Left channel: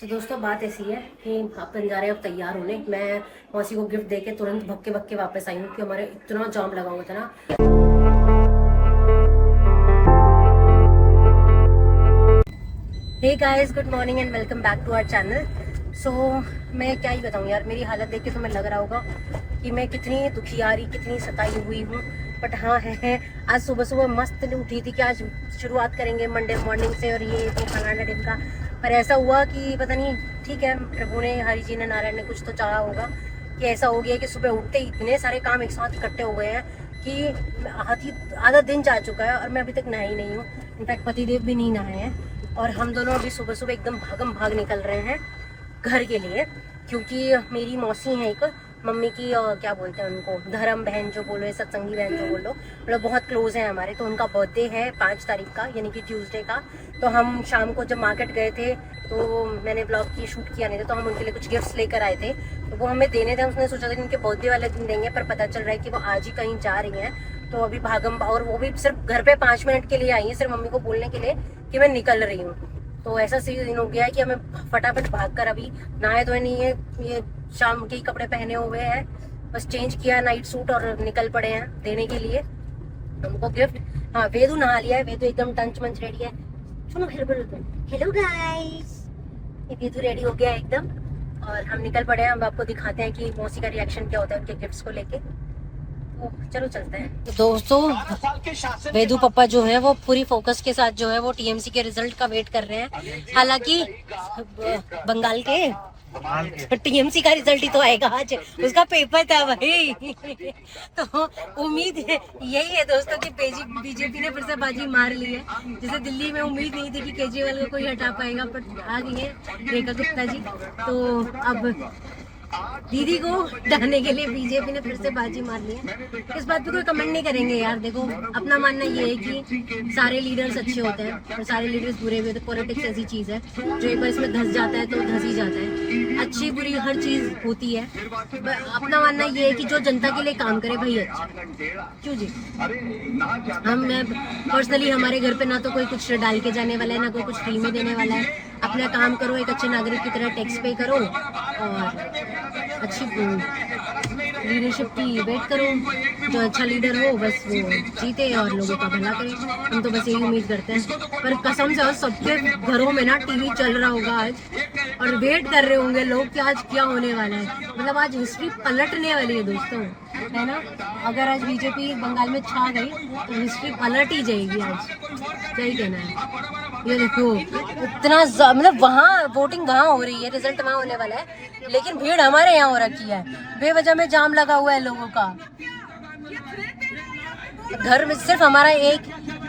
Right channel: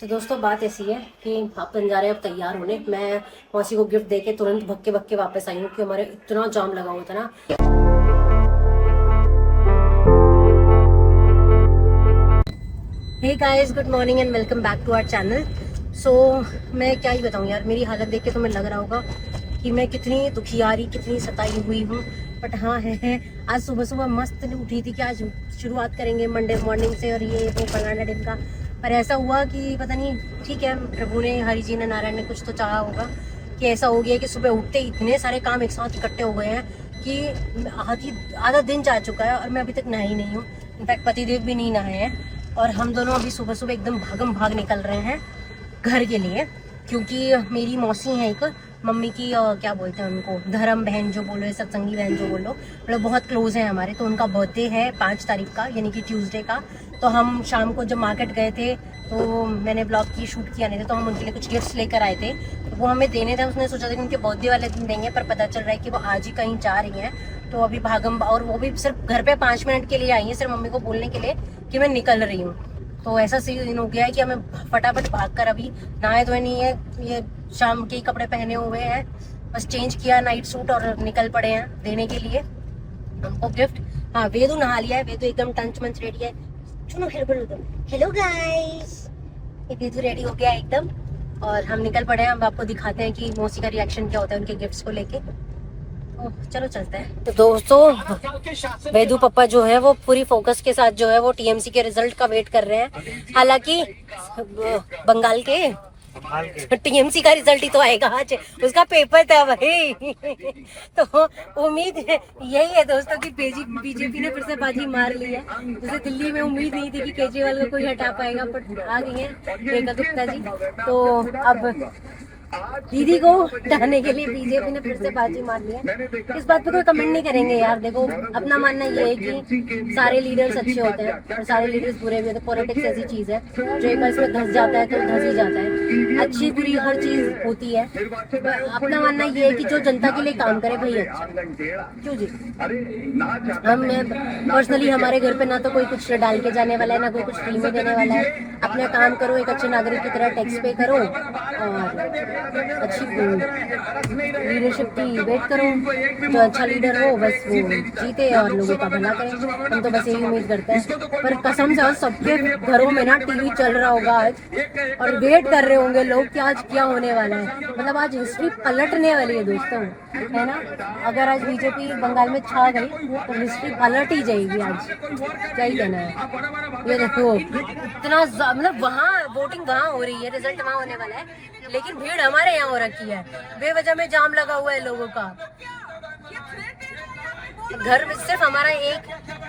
तो दोस्तों बात ऐसी है कि अपन जा रहे हैं अब तैयार होने। मैं मौसी को गिफ्ट देके तुरंत भक्के भक्के वापस आई हूँ कि हमारे इतना जाम लगा हुआ था ना। Hey guys, good morning and welcome back to our channel. So मैं क्या ही बताऊँ यार, मेरी हालत देख के तुम्हें लग रहा होगा कि मैं कितनी दुखियारी, कितनी सताई हुई हूँ। बट हाँ है आज सुबह सुबह मस्त उठी थी कि आज शुरुआत करेंगे मंडे मॉर्निंग से और ये वो फलाना दिन का। पर ऐसा हुआ कि पता नहीं, ठीक है, प्रभु ने, हरि जी ने, नारायण ने कुछ तो चाहा होगा कि ऐसा हो गया कि सुबह उठते ही इतने सारे काम एक साथ इकट्ठे हो गए हैं कि आधा दिन जा चुका है और मैं अभी तक नहाई नहीं हूँ। इनफैक्ट पतिदेव भी नहीं नहाए हैं और हम दोनों अभी सुबह सुबह एकदम भागम भाग निकल रहे हैं घर के लिए। क्योंकि मेरी मौसी है एक, मम्मी की क्या बोलते हैं उनको, धर्म बहन जो बोलो या सत्संगी बहन जो बोलो, मतलब बहुत क्लोज है हमारे। तो उनका बर्थडे है 5 तारीख का, यानी कि ट्यूसडे का। तो हम शाम को जब मार्केट गए थे तो मैंने ब्लॉग की शूट किया नहीं था, तो हम उनके लिए कुछ गिफ्ट्स लेकर आए थे। तो वो हमें देने थे, उसने सोचा था कि उनके बर्थडे वाले दिन देंगे, पर पता चल रहा है कि वो आज ही कहीं जा रही हैं। तो अभी भागम, और वो भी सिर्फ घर पे 5 मिनट के लिए आई है, सिर्फ मम्मी को बोलने के लिए कि मैं निकल रही हूँ। तो ऐसा सीन हो गया है कि हमें फटाफट भाग कर, अभी नहाए धोए नहीं है, ये शाम के कपड़े पहने हुए हैं, बस चेंज किया नाइट सूट और निकल पड़े हैं देने के लिए हमको गिफ्ट। हाँ, वेदू नहा लिया है, वेदू एकदम टंच मंच रेडी है। सुनो, हेलो गाइस, ये वेदू रेडी हो गया है एकदम और हम निकल पड़े हैं। अब आपको दिखाते हैं कि मौसी का रिएक्शन क्या होता है उनके गिफ्ट्स को लेके। तो चलो चलते हैं। तो दोस्तों, वेदू पापा जो है वो पूरी फोकस के साथ जो है वो टीएमसी के रिजल्ट का वेट कर रहे हैं। हालांकि बंगाल के टीएमसी का रिजल्ट ही तो आएगा आज, उसका पेपर था भाई। तो उम्मीद है यही है दोस्तों कि बीजेपी ने फिर से बाजी मार ली है। जैसे दिल्ली में उम्मीद नहीं थी कि केजरीवाल को कोई हटा पाएगा, पर आ गई है रेखा गुप्ता जी। तो अब दीदी को हटाने के लिए बीजेपी ने फिर से बाजी मार ली है। इस बात पे कोई कमेंट नहीं करेंगे यार। देखो, अपना मानना ये है कि सारे लीडर्स अच्छे होते हैं और सारे लीडर्स बुरे भी होते हैं। पॉलिटिक्स ऐसी चीज है जो एक बार इसमें धंस जाता है तो धंस ही जाता है। अच्छी बुरी हर चीज होती है। अपना मानना ये है कि जो जनता के लिए काम करे भाई अच्छा, क्यों जी। मैं पर्सनली, हमारे घर पे ना तो कोई कुछ डाल के जाने वाला है, ना कोई कुछ फ्री में देने वाला है। अपना काम करो, एक अच्छे नागरिक की तरह टैक्स पे करो और अच्छी लीडरशिप की वेट करो। जो अच्छा लीडर हो बस वो जीते और लोगों का भला करे। हम तो बस यही उम्मीद करते हैं। पर कसम से सबके घरों में ना टीवी चल रहा होगा आज और वेट कर रहे होंगे लोग कि आज क्या होने वाला है। मतलब आज हिस्ट्री पलटने वाली है दोस्तों, है ना। अगर आज बीजेपी बंगाल में छा गई तो हिस्ट्री पलट ही जाएगी आज, क्या ही कहना है। ये देखो इतना मतलब वहाँ वोटिंग वहाँ हो रही है, रिजल्ट वहाँ होने वाला है, लेकिन भीड़ हमारे यहाँ हो रखी है। बेवजह में जाम लगा हुआ है लोगों का। घर में सिर्फ हमारा एक,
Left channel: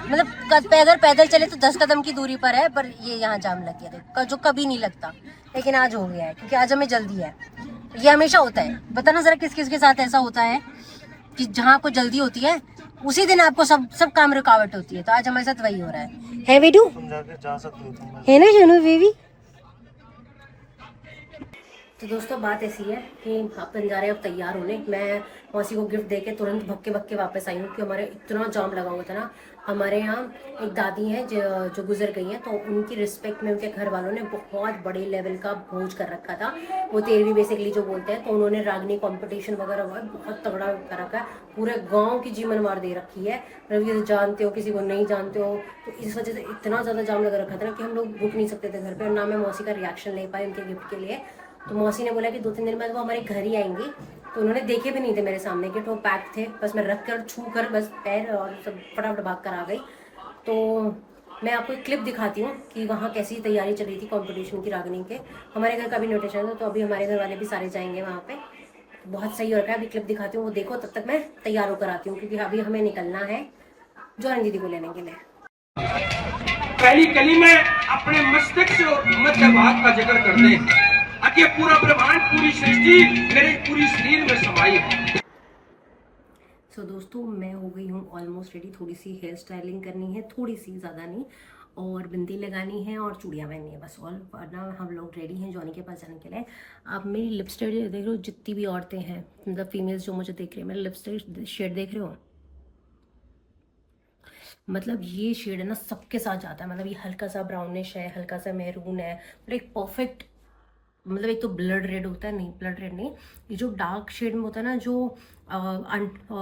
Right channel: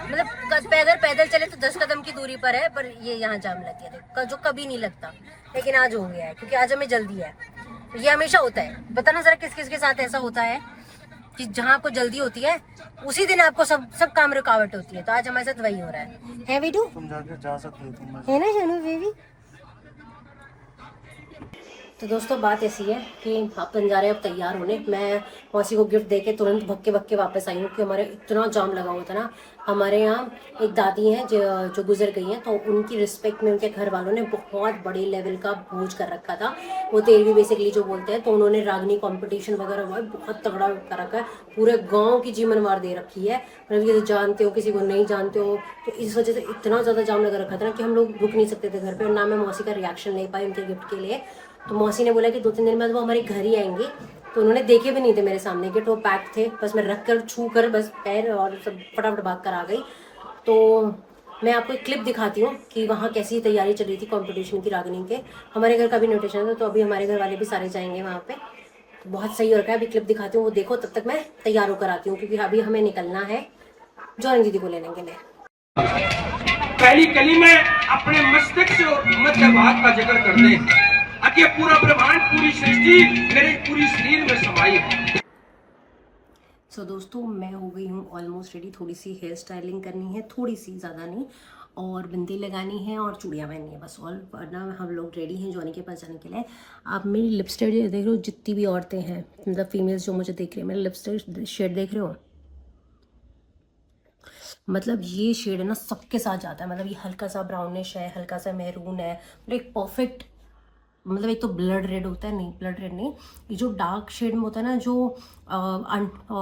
मतलब पैदल पैदल चले तो 10 कदम की दूरी पर है, पर ये यहाँ जाम लग गया देखो, जो कभी नहीं लगता, लेकिन आज हो गया है क्योंकि आज हमें जल्दी है। ये हमेशा होता है। बताना जरा किस किस के साथ ऐसा होता है कि जहाँ आपको जल्दी होती है उसी दिन आपको सब काम रुकावट होती है। तो आज हमारे साथ वही हो रहा है वीडू, जा सकते हो है ना जानू बेबी। तो दोस्तों बात ऐसी है कि अपन जा रहे हैं अब तैयार होने। मैं मौसी को गिफ्ट देके तुरंत भक्के भक्के वापस आई हूँ कि हमारे इतना जाम लगा हुआ था ना। हमारे यहाँ एक दादी हैं जो गुजर गई हैं, तो उनकी रिस्पेक्ट में उनके घर वालों ने बहुत बड़े लेवल का भोज कर रखा था। वो 13वीं बेसिकली जो बोलते हैं, तो उन्होंने रागनी कंपटीशन वगैरह बहुत तगड़ा कर रखा है। पूरे गाँव की जीवन मार दे रखी है, मतलब ये जानते हो किसी को नहीं जानते हो। तो इस वजह से इतना ज़्यादा जाम लगा रखा था ना कि हम लोग रुक नहीं सकते थे घर पर, और ना मैं मौसी का रिएक्शन ले पाई उनके गिफ्ट के लिए। तो मौसी ने बोला कि 2-3 दिन बाद वो हमारे घर ही आएंगी। तो उन्होंने देखे भी नहीं थे मेरे सामने कि वो पैक थे, बस मैं रख कर छू कर बस पैर और सब फटाफट भाग कर आ गई। तो मैं आपको एक क्लिप दिखाती हूँ कि वहाँ कैसी तैयारी चल रही थी कंपटीशन की रागनी के। हमारे घर का भी इन्विटेशन था, तो अभी हमारे घर वाले भी सारे जाएंगे वहाँ पे। तो बहुत सही हो रखा है। अभी क्लिप दिखाती हूँ, वो देखो, तब तक मैं तैयार होकर आती हूँ क्योंकि अभी हमें निकलना है जॉइन दीदी को लेने के लिए। पहली कली में अपने मस्तक से मध्य भाग का जिक्र करते हैं कि पूरा ब्रह्मांड, पूरी सृष्टि मेरे पूरी शरीर में समाई है। सो दोस्तों, मैं हो गई हूँ ऑलमोस्ट रेडी। थोड़ी सी हेयर स्टाइलिंग करनी है, थोड़ी सी, ज़्यादा नहीं, और बिंदी लगानी है और चूड़ियाँ पहननी है, बस ऑल। वरना हम लोग रेडी हैं जॉनी के पास जाने के लिए। आप मेरी लिपस्टिक देख रहे हो, जितनी भी औरतें हैं, मतलब फीमेल्स जो मुझे देख रही हैं, मेरा लिपस्टिक शेड देख रहे हो, मतलब ये शेड है ना सबके साथ जाता है। मतलब ये हल्का सा ब्राउनिश है, हल्का सा मैरून है, मतलब एक परफेक्ट मतलब एक तो ब्लड रेड होता है, नहीं ब्लड रेड नहीं, ये जो डार्क शेड में होता है ना,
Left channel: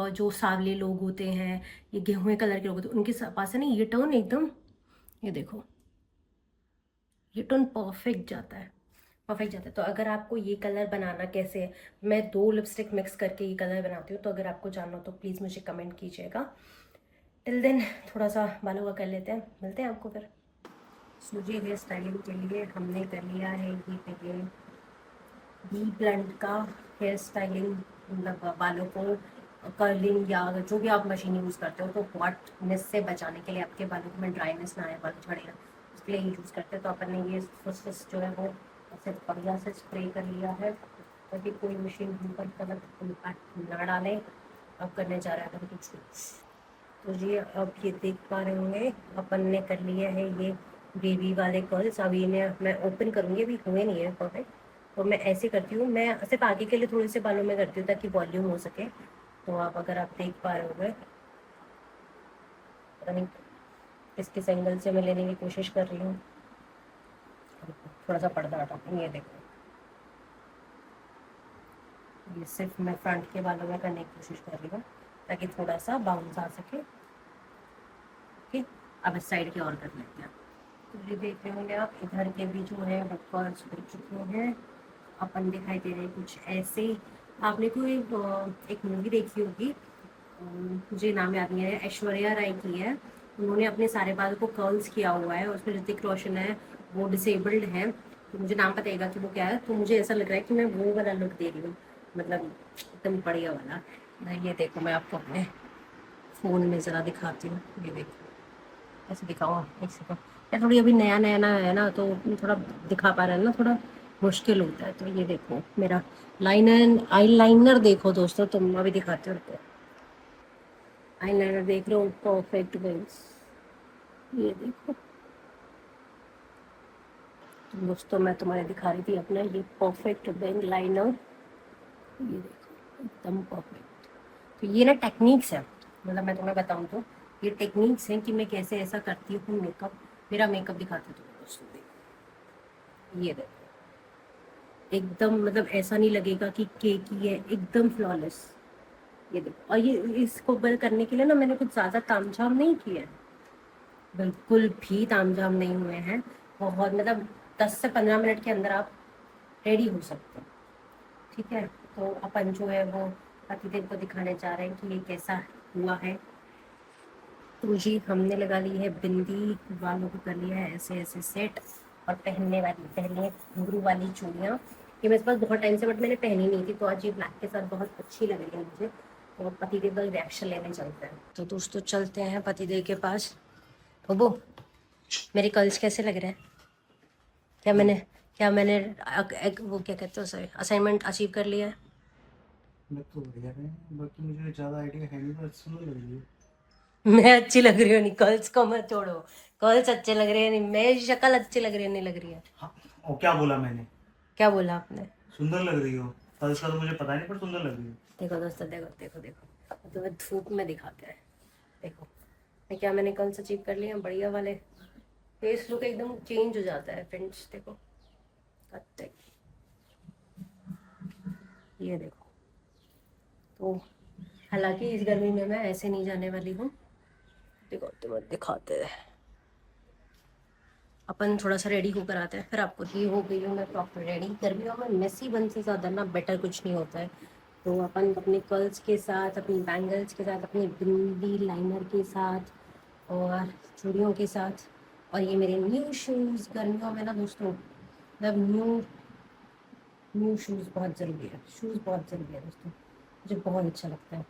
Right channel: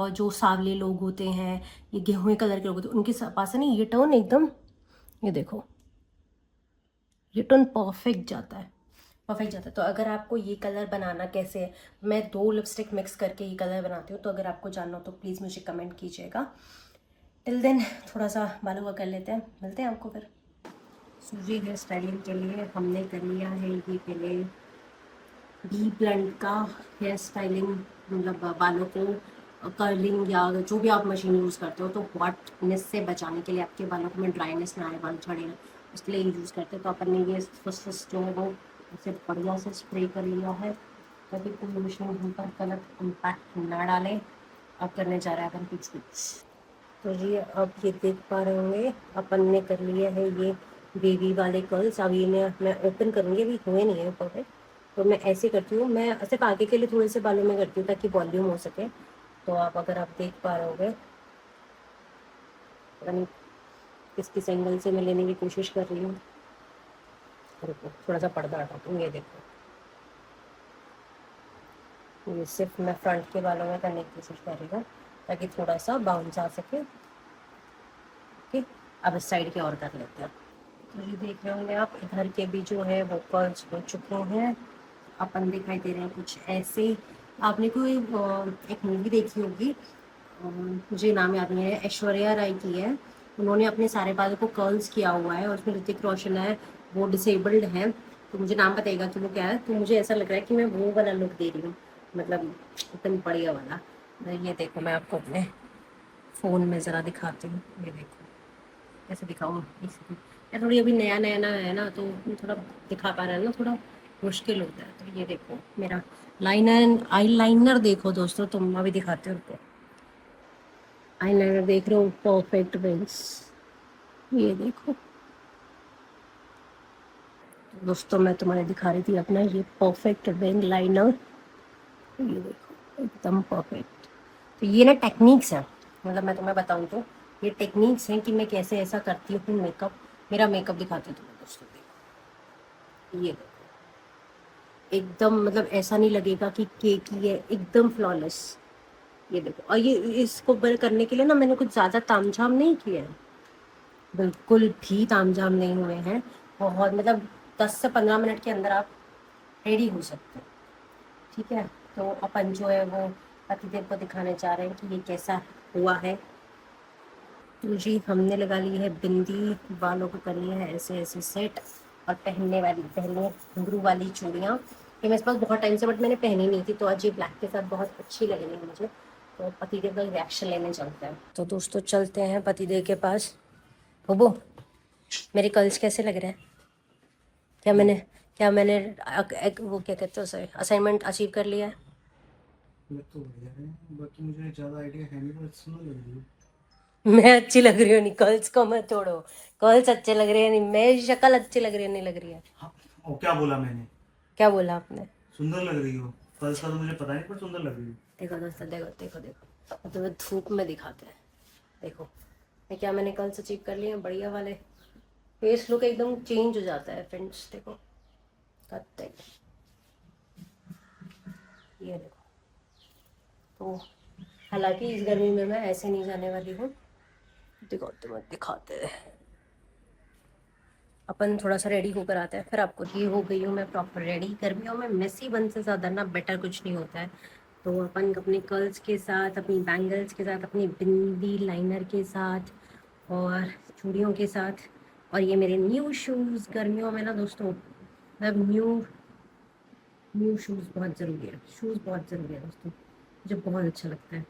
जो सांवले लोग होते हैं, ये गेहूं कलर के लोग होते हैं, उनके पास है ना ये टोन एकदम, ये देखो ये टोन परफेक्ट जाता है, परफेक्ट जाता है। तो अगर आपको ये कलर बनाना कैसे है, मैं 2 लिपस्टिक मिक्स करके ये कलर बनाती हूँ, तो अगर आपको जानना हो तो प्लीज़ मुझे कमेंट कीजिएगा। टिल देन थोड़ा सा बालों का कर लेते हैं, मिलते हैं आपको फिर। सूजी हेयर स्टाइलिंग के लिए हमने कर लिया है ये पहले डी ब्लेंड का हेयर स्टाइलिंग, मतलब बालों को कर्लिंग या जो भी आप मशीन यूज़ करते हो, तो हॉटनेस से बचाने के लिए, आपके बालों में ड्राइनेस ना आए, बाल झड़े ना, इसके लिए यूज़ करते हैं। तो अपन ने ये फर्स्ट जो है वो ऐसे बढ़िया से स्प्रे कर लिया है, ताकि कोई मशीन हम पर गलत इम्पैक्ट ना डाले। अब करने जा रहे हैं अपन कुछ कुछ। तो जी अब ये देख पा रहे होंगे अपन ने कर लिया है ये बेबी वाले कर्ल्स। अभी इन्हें मैं ओपन करूँगी, अभी हुए नहीं है परफेक्ट, तो मैं ऐसे करती हूँ। मैं सिर्फ आगे के लिए थोड़े से बालों में करती हूँ ताकि वॉल्यूम हो सके। तो आप अगर आप देख पा रहे होंगे, पता नहीं किस एंगल से मैं लेने की कोशिश कर रही हूँ, रुको थोड़ा सा पर्दा हटाती हूँ। ये देखो, ये सिर्फ मैं फ्रंट के बालों में करने की कोशिश कर रही हूँ ताकि थोड़ा सा बाउंस आ सके। ठीक, अब इस साइड के और कर लेते हैं। तो ये देख रहे होंगे आप, इधर के भी जो है वो कर्ल्स हो चुके हैं, अपन दिखाई दे रहे हैं कुछ ऐसे। आपने कोई एक मूवी देखी होगी, मुझे नाम याद नहीं है, ऐश्वर्या राय की है। उन्होंने अपने सारे बालों को कर्ल्स किया हुआ है, उसमें ऋतिक रोशन है, वो डिसेबल्ड है, तो मुझे नाम बताइएगा कि वो क्या है। तो मुझे ऐसा लग रहा है कि मैं वो वाला लुक दे रही हूँ, मतलब एकदम बढ़िया वाला। ये देखो मैं आपको अपने फ़ोन में ज़रा दिखाती हूँ, ये देखो ऐसे दिखाओ एक सेकंड। या थोड़ी अभी नया नया ना है ना, तो थोड़ा दिखा पा रहा है ना, थोड़ा मुश्किल होता है। तो ये देखो मेरा लाइनर, आई लाइनर देखो दोस्तों, तुम अभी दिखाते हो उनको, आई लाइनर देख रहे हो, परफेक्ट विंग्स, ये देखो। तो दोस्तों मैं तुम्हारे दिखा रही थी अपना ये परफेक्ट विंग लाइनर, ये देखो एकदम परफेक्ट। तो ये ना टेक्निक्स है, मतलब मैं तुम्हें बताऊँ तो ये टेक्निक्स हैं कि मैं कैसे ऐसा करती हूँ मेकअप। मेरा मेकअप दिखाती हूँ तुम्हें दोस्तों, देखो ये देखो एकदम, मतलब ऐसा नहीं लगेगा कि केक ही है, एकदम फ्लॉलेस। ये देखो, और ये इसको बड़े करने के लिए ना मैंने कुछ ज़्यादा तामझाम नहीं किया है, बिल्कुल भी तामझाम नहीं हुए हैं। बहुत मतलब 10 से 15 मिनट के अंदर आप रेडी हो सकते हो। ठीक है, तो अपन जो है वो पतिदेव को दिखाने जा रहे हैं कि ये कैसा हुआ है। तो जी हमने लगा ली है बिंदी, बालों को कर लिया है ऐसे ऐसे सेट, और पहनने घुंघरू वाली चूड़ियाँ, ये मेरे पास बहुत टाइम से, बट मैंने पहनी नहीं थी, तो आज ये ब्लैक के साथ बहुत अच्छी लग रही है मुझे। तो पतिदेव का रिएक्शन लेने चलते हैं। तो दोस्तों चलते हैं पतिदेव के पास। होबो, मेरे कर्ल्स कैसे लग रहे हैं? क्या मैंने वो क्या कहते हैं असाइनमेंट अचीव कर लिया है? लग तो बढ़िया है, बाकी मुझे ज़्यादा आइडिया है नहीं, पर अच्छी नहीं लग रही है। मैं अच्छी लग रही हूँ नहीं? कर्ल्स को मत छोड़ो, कर्ल्स अच्छे लग रहे हैं नहीं, मेरी शक्ल अच्छी लग रही है नहीं लग रही है? हाँ, और क्या बोला मैंने? क्या बोला आपने? सुंदर लग रही हो। कल का तो मुझे पता नहीं, पर सुंदर लग रही हो। देखो दोस्तों, देखो देखो देखो, अब तुम्हें धूप में दिखाते हैं। देखो मैं क्या, मैंने कर्ल्स अचीव कर लिए हैं बढ़िया वाले, फेस लुक एकदम चेंज हो जाता है फ्रेंड्स। देखो कत्ते, ये देखो। तो हालांकि इस गर्मी में मैं ऐसे नहीं जाने वाली हूँ, देखो तुम्हें दिखाते हैं। अपन थोड़ा सा रेडी होकर आते हैं, फिर आपको। ये हो गई हूँ मैं प्रॉपर रेडी। गर्मियों में मेसी बन से ज़्यादा ना बेटर कुछ नहीं होता है। तो अपन अपने कर्ल्स के साथ, अपनी बैंगल्स के साथ, अपनी बिंदी लाइनर के साथ और चूड़ियों के साथ, और ये मेरे न्यू शूज़। गर्मियों में ना दोस्तों, मतलब न्यू शूज़ बहुत ज़रूरी है, शूज़ बहुत ज़रूरी है दोस्तों। मुझे बहुत अच्छा लगता है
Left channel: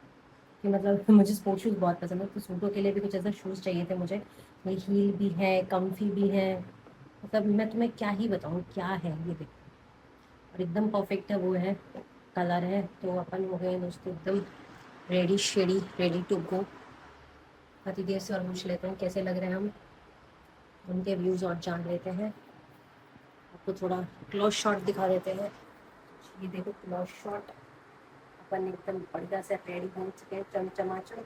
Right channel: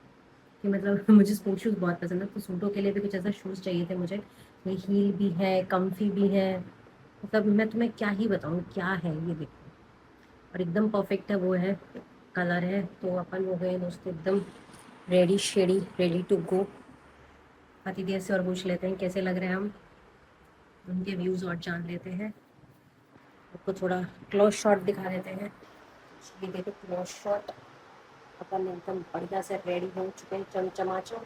कि मतलब मुझे स्पोर्ट्स शूज़ बहुत पसंद है, तो सूटों के लिए भी कुछ ऐसा शूज़ चाहिए थे मुझे। ये हील भी है, कम्फी भी है, मतलब मैं तुम्हें क्या ही बताऊँ क्या है। ये देखो, और एकदम परफेक्ट है, वो है कलर है। तो अपन हो गए दोस्तों एकदम ready shady, ready to go. पतिदेव से और पूछ लेते हैं कैसे लग रहे हैं हम, उनके व्यूज़ और जान लेते हैं। आपको थोड़ा क्लोज शॉट दिखा देते हैं। ये देखो क्लोज शॉट, अपन एकदम बढ़िया से रेडी हो चुके हैं, चमचमाचो।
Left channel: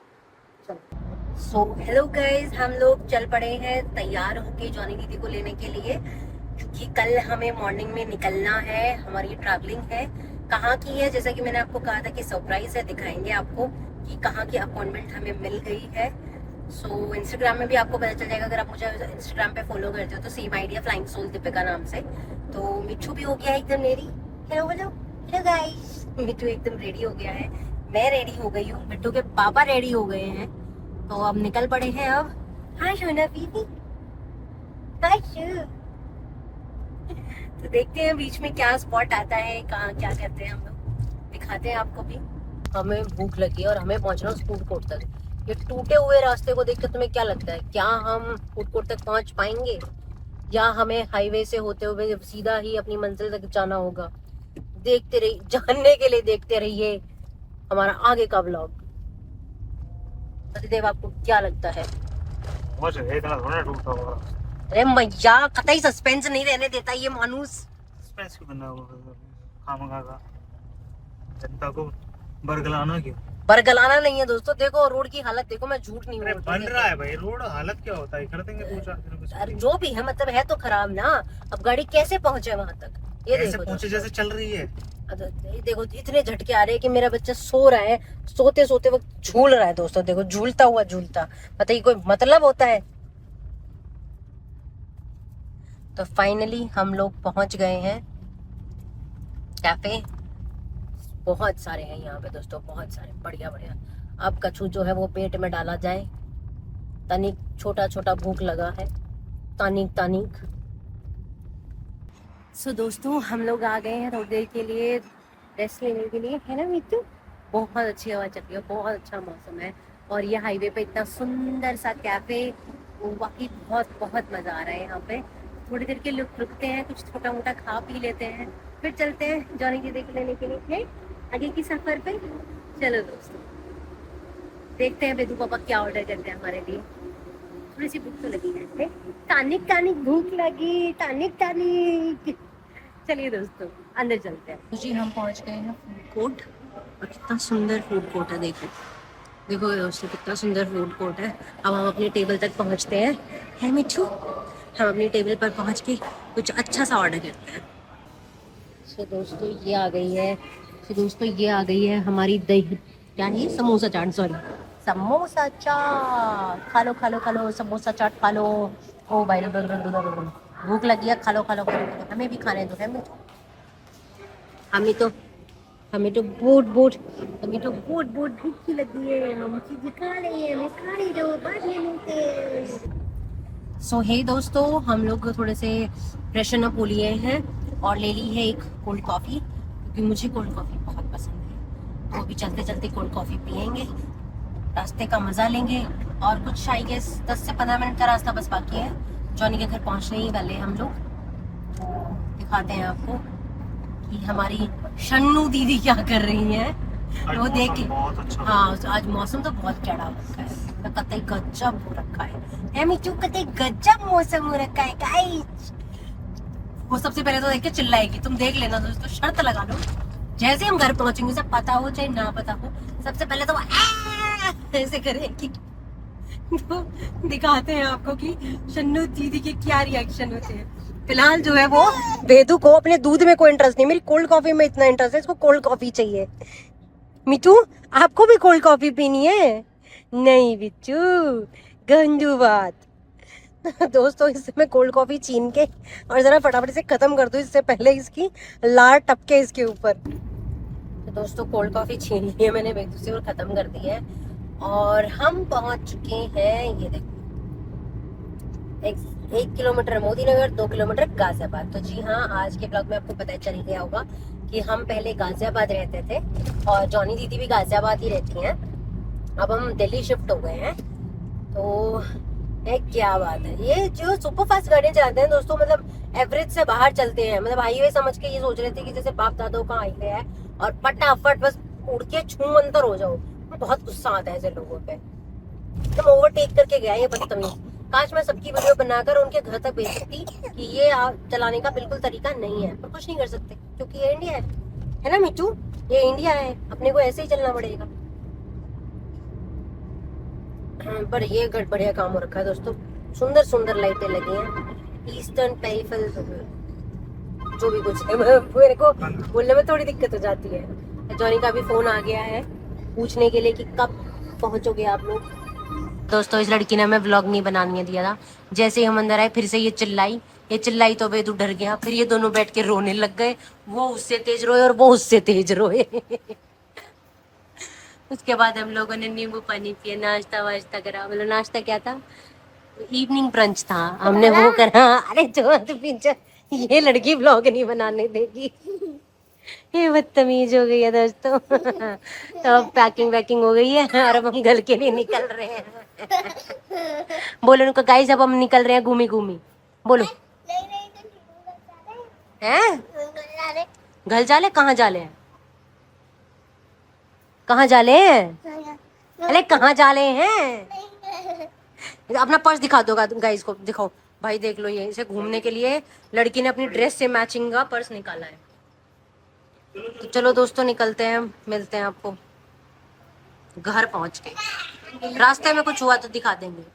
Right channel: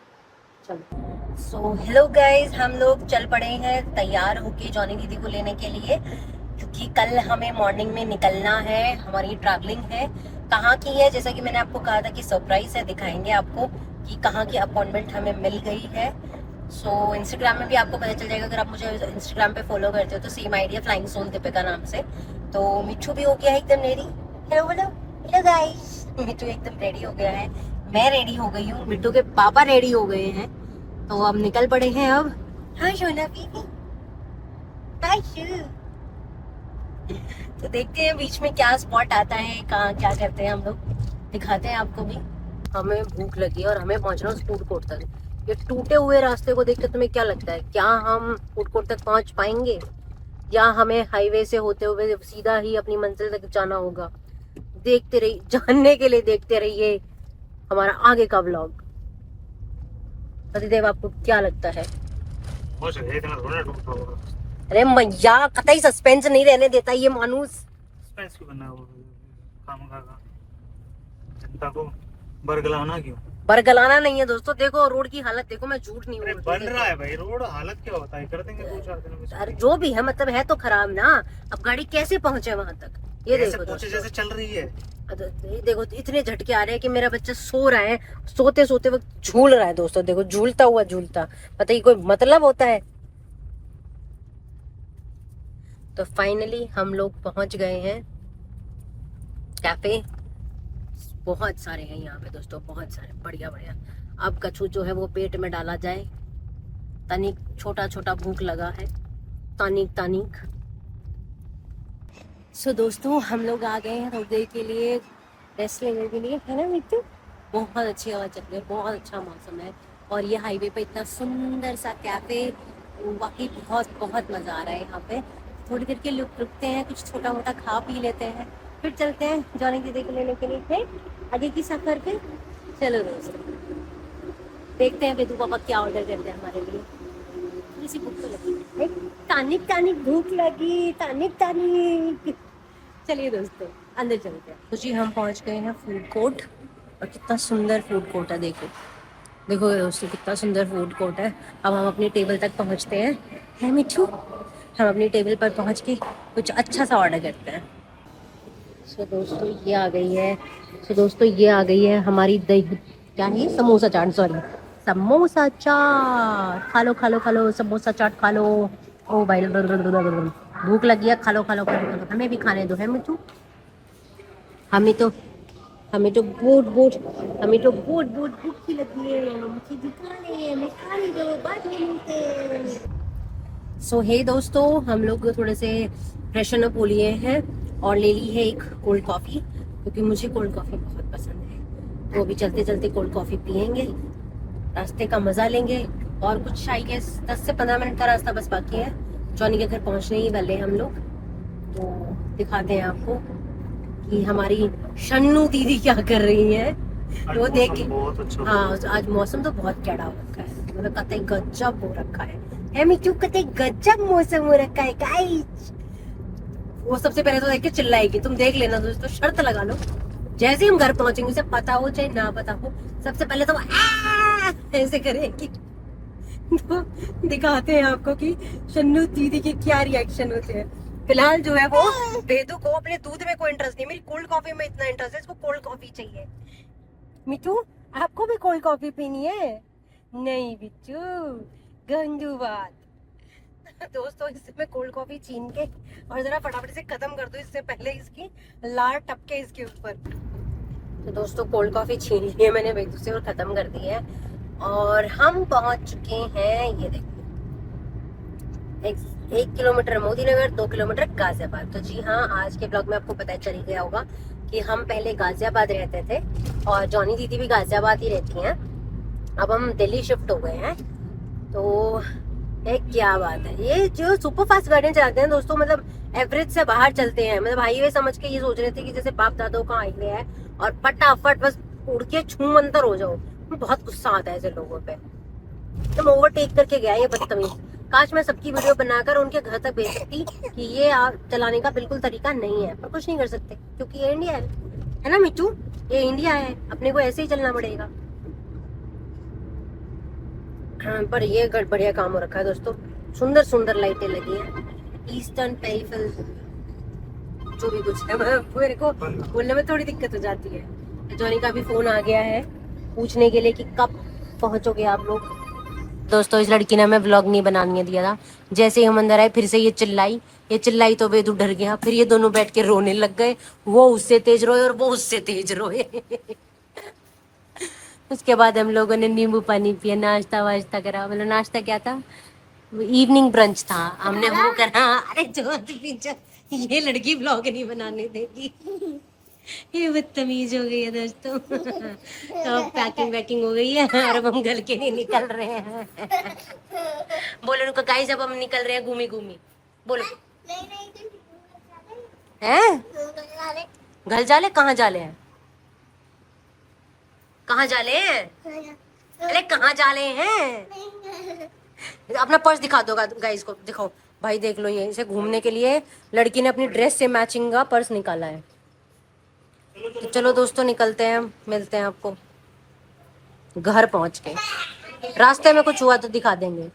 चलते हैं। सो हेलो गाइज, हम लोग चल पड़े हैं तैयार होके जॉनी दीदी को लेने के लिए। क्योंकि कल हमें मॉर्निंग में निकलना है, हमारी ट्रैवलिंग है। कहाँ की है, जैसा कि मैंने आपको कहा था कि सरप्राइज है, दिखाएंगे आपको कि कहाँ की अपॉइंटमेंट हमें मिल गई है। सो इंस्टाग्राम में भी आपको पता चल जाएगा, अगर आप मुझे इंस्टाग्राम पे फॉलो करते हो तो same idea flying soul Deepika नाम से। तो मिट्टू भी हो गया है एकदम रेडी। हेलो बोलो, हेलो गाइस। मिट्टू एकदम रेडी हो गया है, मैं रेडी हो गई हूँ, मिट्टू के पापा रेडी हो गए हैं, तो अब निकल पड़े हैं अब। हाँ सोना बीबी, तो देखते हैं बीच में क्या स्पॉट आता है, कहाँ क्या करते हैं हम लोग, दिखाते हैं आपको भी। हमें भूख लगी है और हमें पहुंचना है उस फूड कोर्ट तक। ये टूटे हुए रास्ते को देखकर तुम्हें क्या लगता है, क्या हम फूड कोर्ट तक पहुंच पाएंगे या हमें हाईवे से होते हुए सीधा ही अपनी मंजिल तक जाना होगा? देखते रहिए, जानने के लिए देखते रहिए हमारा आगे का व्लॉग। पतिदेव आपको क्या लगता है? अरे मैया, कतई सस्पेंस नहीं रहने देता ये मानूस। सस्पेंस क्यों बनना है वो खामखा का? जनता को बरगलाना क्यों? बरगलाना नहीं है दोस्तों, देखो रोड की हालत देखो, मैं झूठ नहीं बोल बन रहा है भाई रोड, हालत क्या होता है, कर देंगे 2-4 दिन में। अरे जो भी है, मतलब है तो खराब ना। अब गाड़ी कैसे पहुंचे वहां तक, ये देखो पहुंचे जैसे चल रही है। ये देखो इतने झटके आ रहे हैं कि मेरा बच्चा सो रहा है, सोते सोते वक्त झूल रहा है दोस्तों, देखो झूलता हुआ झूलता, पता ही कोई मतलब होता है। तो फाइनली हम लोग पहुंच गए हैं कैफे। बहुत सारे हैं यहाँ पे दोस्तों, बहुत सारे, बढ़िया बढ़िया। अब कछू जो है वो पेट में डाला जाए, तनिक छोटा छोटा भूख लगा है, तानिक तानिक। सो दोस्तों हम लोग आ गए हैं थोड़ी देर के लिए रेस्ट लेने के लिए, है ना मिट्टू? बहुत अच्छी हवा चल रही है, बहुत अच्छा मौसम है, और ये हाईवे पे इतना सुंदर सा कैफे, वाकई बहुत बहुत मजा आ रहा है यहाँ पे। थोड़ी देर के रुकते हैं, कुछ छोटा मोटा खा पी लेते हैं, फिर चलते हैं जॉनी दीदी को लेने के लिए है आगे की सफर पे। चलो दोस्तों देखते हैं बेदू पापा क्या ऑर्डर करते हैं हमारे लिए। थोड़ी सी भूख तो लगी है, तानिक तानिक भूख लगी, तानिक तानिक। चलिए दोस्तों अंदर चलते हैं। तो जी हम पहुंच गए हैं फूड कोर्ट, और कितना सुंदर फूड कोर्ट है, देखो देखो दोस्तों कितना सुंदर फूड कोर्ट है। अब हम अपनी टेबल तक पहुंचते हैं, है मिठू? हम अपनी टेबल पर पहुंच के कुछ अच्छा सा ऑर्डर करते हैं। सो दोस्तों ये आ गई है, हमारी दही, क्या है, समोसा चाट, सॉरी समोसा चाट। खा लो खा लो खा लो, समोसा चाट खा लो। ओ भाई भूख लगी है, खा लो खा लो खा लो, हमें भी खाने दो, है मिठू? हमें तो बहुत भूखी लगी है, हम चीज़ खा रहे हैं, हमें खाने दो, बाद में मिलते हैं। सो हे दोस्तों हम लोग थोड़े से फ्रेशन अप हो लिए हैं और ले ली है एक कोल्ड कॉफ़ी, क्योंकि मुझे कोल्ड कॉफ़ी बहुत पसंद है। तो अभी चलते चलते कोल्ड कॉफ़ी पियेंगे, रास्ते का मज़ा लेंगे, और कुछ आई गेस 10 से 15 मिनट का रास्ता बस बाकी है, जॉनी के घर पहुंचने ही वाले हम लोग। तो दिखाते हैं आपको कि हमारी शन्नू दीदी क्या कर रही हैं, वो देख के। हाँ आज मौसम तो बहुत चढ़ा रखा है, मतलब कतई गजब हो रखा है, मिठू कतई गजब मौसम हो रखा है गाइस। वो सबसे पहले तो देख के चिल्लाएगी, तुम देख लेना दोस्तों, शर्त लगा लो, जैसे हम घर पहुंचेंगे, उसे पता हो चाहे ना पता हो, सबसे पहले तो वो ऐसे करेगी। तो दिखाते हैं आपको कि शन्नू दीदी के क्या रिएक्शन होते हैं। फिलहाल जो है वो बेदू को अपने दूध में कोई इंटरेस्ट नहीं, मेरी कोल्ड कॉफी में इतना इंटरेस्ट है, इसको कोल्ड कॉफी चाहिए। मिठू आपको भी कोल्ड कॉफी पीनी है? नहीं बिच्चू, गंदू बात। दोस्तों इससे मैं कोल्ड कॉफी छीन के और जरा फटाफट से खत्म कर दूं, इससे पहले इसकी लार टपके इसके ऊपर। तो दोस्तों कोल्ड कॉफी छीन ली है मैंने बेदू से और खत्म कर दी है, और हम पहुंच चुके हैं, ये देखो 1 किलोमीटर मोदी नगर, 2 किलोमीटर गाजियाबाद। तो जी हाँ, आज के ब्लॉग में आपको पता चल गया होगा कि हम पहले गाजियाबाद रहते थे और जॉनी दीदी भी गाजियाबाद ही रहती हैं, अब हम दिल्ली शिफ्ट हो गए हैं। तो क्या बात है, ये जो सुपर फास्ट गाड़ियां चलाते हैं दोस्तों, मतलब एवरेज से बाहर चलते हैं, मतलब हाईवे समझ के ये सोच रहे थे कि जैसे बाप दादों का हाईवे है और फटाफट बस उड़ के छूमंतर हो जाओ। बहुत गुस्सा आता है ऐसे लोगों पे, तुम ओवरटेक करके गया ये बदतमीज। काश मैं सबकी वीडियो बनाकर उनके घर तक भेज सकती कि ये चलाने का बिल्कुल तरीका नहीं है, पर कुछ नहीं कर सकते क्योंकि ये इंडिया है ना मिट्टू? ये इंडिया है, अपने को ऐसे ही चलना पड़ेगा। पर ये बढ़िया काम हो रखा है दोस्तों, सुंदर सुंदर लाइटें लगी हैं, ईस्टर्न पेरिफेरल जो भी कुछ है मेरे को बोलने में थोड़ी दिक्कत हो जाती है। जॉनी का भी फोन आ गया है पूछने के लिए कि कब पहुंचोगे आप लोग। दोस्तों इस लड़की ने हमें व्लॉग नहीं बनाने दिया था। जैसे ही हम अंदर आए फिर से ये चिल्लाई तो वेदू डर गया। फिर ये दोनों बैठ के रोने लग गए, वो उससे तेज रोए और वो उससे तेज रोए। उसके बाद हम लोगों ने नींबू पानी पिया, नाश्ता वाश्ता करा। मैंने नाश्ता किया था, इवनिंग ब्रंच था, हमने वो करा। अरे जो पीछे ये लड़की ब्लॉग नहीं बनाने देगी। ये बदतमीज हो गई है दोस्तों। तो अब पैकिंग वैकिंग हो गई है और अब हम घर के लिए निकल रहे हैं। बोलो उनको गाइस अब हम निकल रहे हैं घूमी घूमी। बोलो हैं घर जाले, कहाँ जाले हैं, कहाँ जाले हैं, अरे कहाँ जाले हैं। अपना पर्स दिखा दो गाइस को, दिखाओ भाई देख लो। ये इसे घूमने के लिए लड़की ने अपनी ड्रेस से मैचिंग का पर्स निकाला है। तो चलो दोस्तों निकलते हैं, मिलते हैं आपको घर पहुंच के। रास्ते में कुछ हुआ तो दिखा देंगे।